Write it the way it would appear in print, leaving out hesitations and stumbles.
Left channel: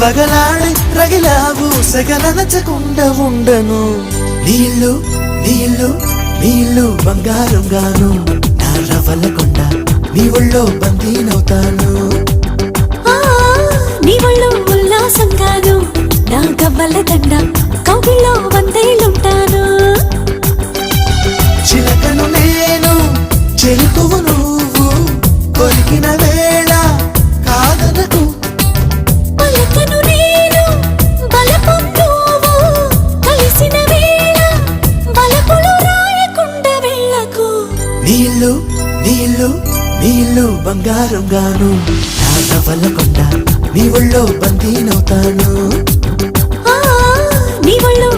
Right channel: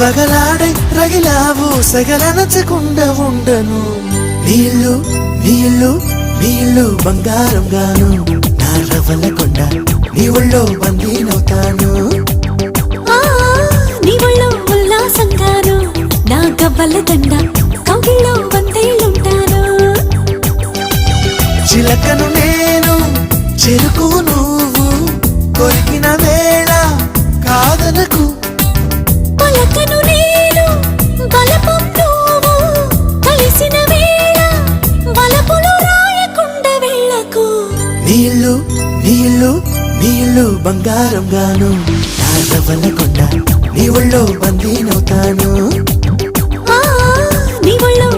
వగలాడే రగిలావు సగననచకుండా ఉండను నీళ్ళు నీళ్ళు నీళ్ళు బంగారం గాను నా రవల కొండ నీ ఒళ్ళో బందీనవుతాను నీ ఒళ్ళో ఉల్లాసం కాను నా గవ్వల దండ కౌగిల్లో వందేళ్ళుంటాను చిలకను నేను చెరుకువు నువ్వు కొరికిన వేళ కాదనకు పలకను నేను బలపు నువ్వు కలిసిన వేళ బలపులు రాయకుండా వెళ్ళకు నీళ్ళు నీళ్ళు నీళ్ళు బంగారం గాను నా రవల కొండ నీ ఒళ్ళో బందీనవుతాను నీ ఒళ్ళో